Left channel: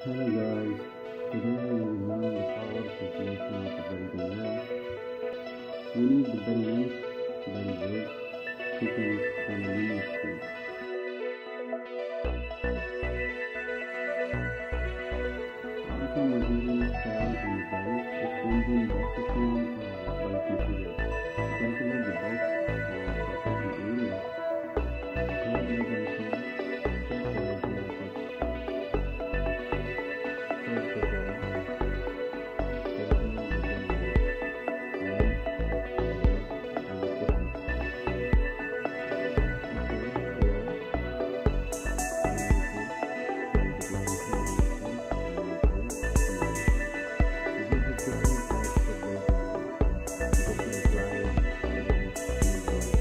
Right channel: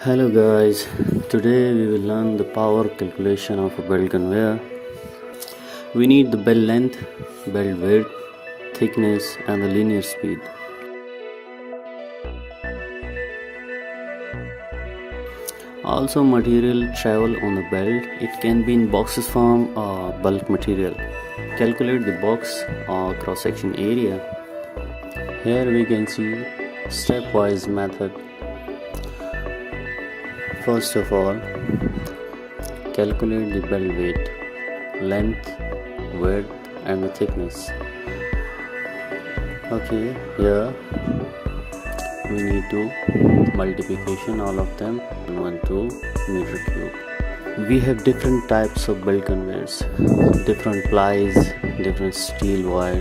Hello guys, today we will learn the power calculation of a belt conveyor. We need the belt length, belt width, thickness and the linear speed. Also material travel on the belt, it can be in boxes form or bulk material. Calculate the box or cross section area. Here we can see stepwise method. First of all, calculate the belt weight, length, width and the thickness. Okay, here we need to multiplication all of them 1 to meter cube. We have different types of belt conveyors, different plies, different steel wire,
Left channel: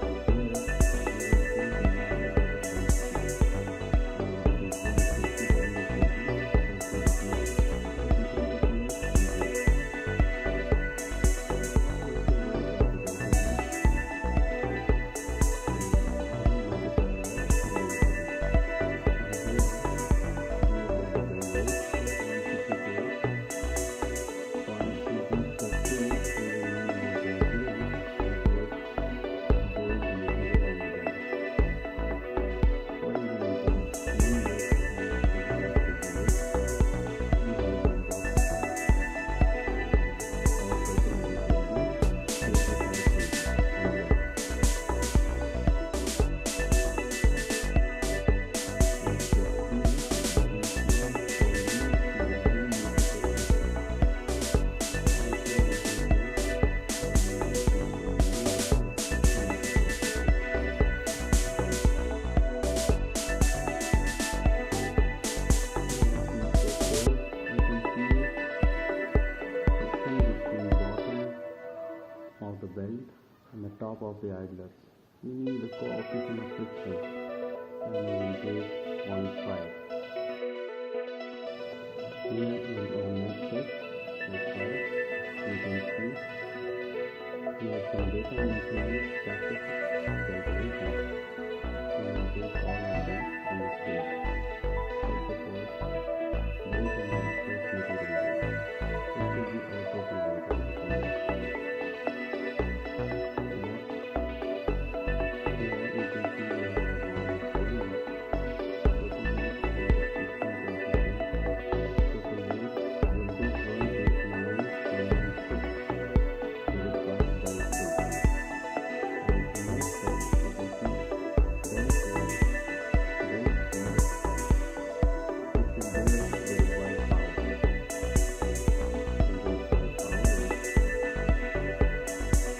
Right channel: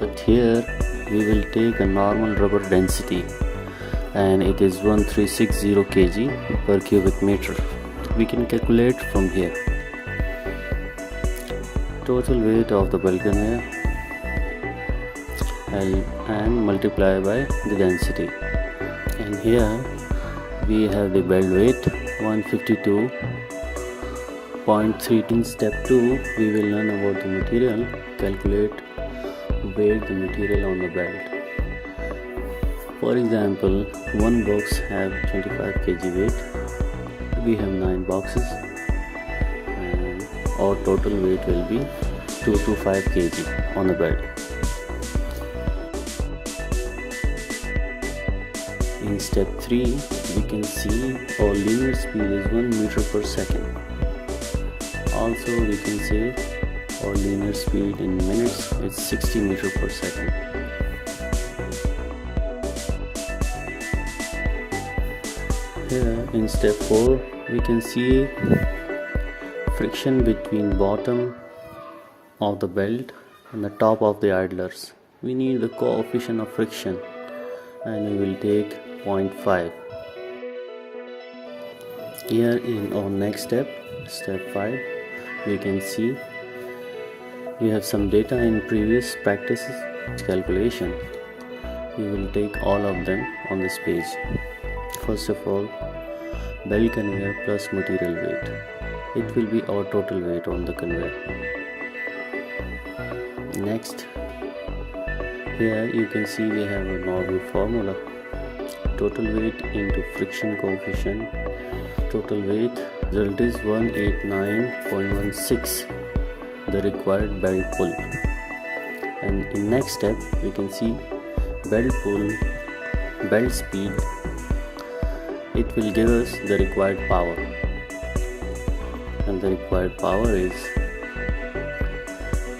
but here we will take a normal rubber density and it is 1360 kg per cubic meter. We can calculate from here. Total weight of the belt conveyor and multiply by the density. And here we have the belt weight 152.32. Step 2 we will learn about the material. Calculate weight the material on the belt. For example, one box have 25 kg weight. We have 9 boxes and our total weight will be 2 to 5 kg on the belt. In step 3 we can see our linear speed is 1 meter per second. Also we can say our linear speed in minutes is 60 meter per second. In step 4 we can see friction between bottom of the belt and the top of the idlers. We need the coefficient of friction and we will take 0.5. Here in our next step, step 5, we can see we have some data in previous practices calculation. We will take all of them on this page. First of all, belt conveyor plus material weight. It will be our total weight on the conveyor. Next, here you can see we have a normal formula. Total weight into friction coefficient. Total weight result is 189.16, the required belt pull. And in next step, we can see belt pull, belt speed. It will give us the required power, and the required power is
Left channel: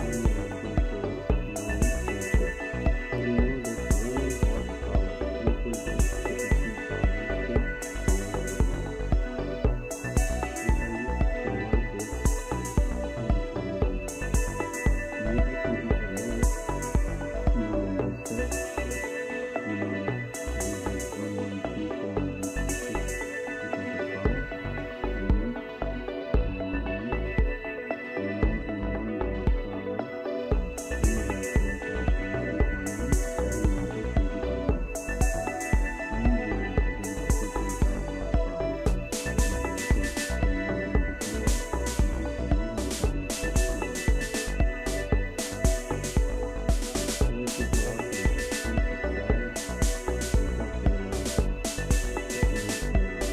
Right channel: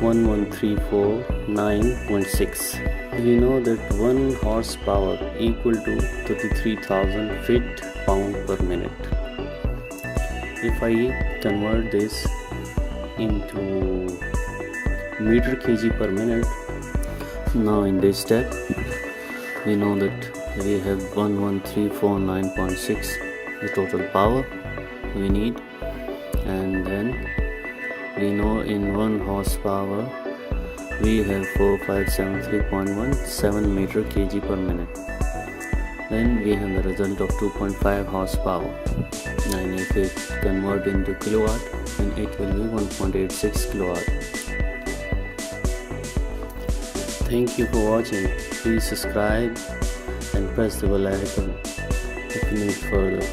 1134.916. We know that 1 horsepower equal to 33,000 feet-pound per minute. If I convert this into meter kg per minute, now in this step we know that we have 1134.9.6 the total power we need, and then we know in 1 horsepower we have 4573.17 meter kg per minute. Then we have the result of 2.5 horsepower, and if it convert into kilowatt, then it will be 1.86 kilowatt. Thank you for watching. Please subscribe and press the bell icon if you need further.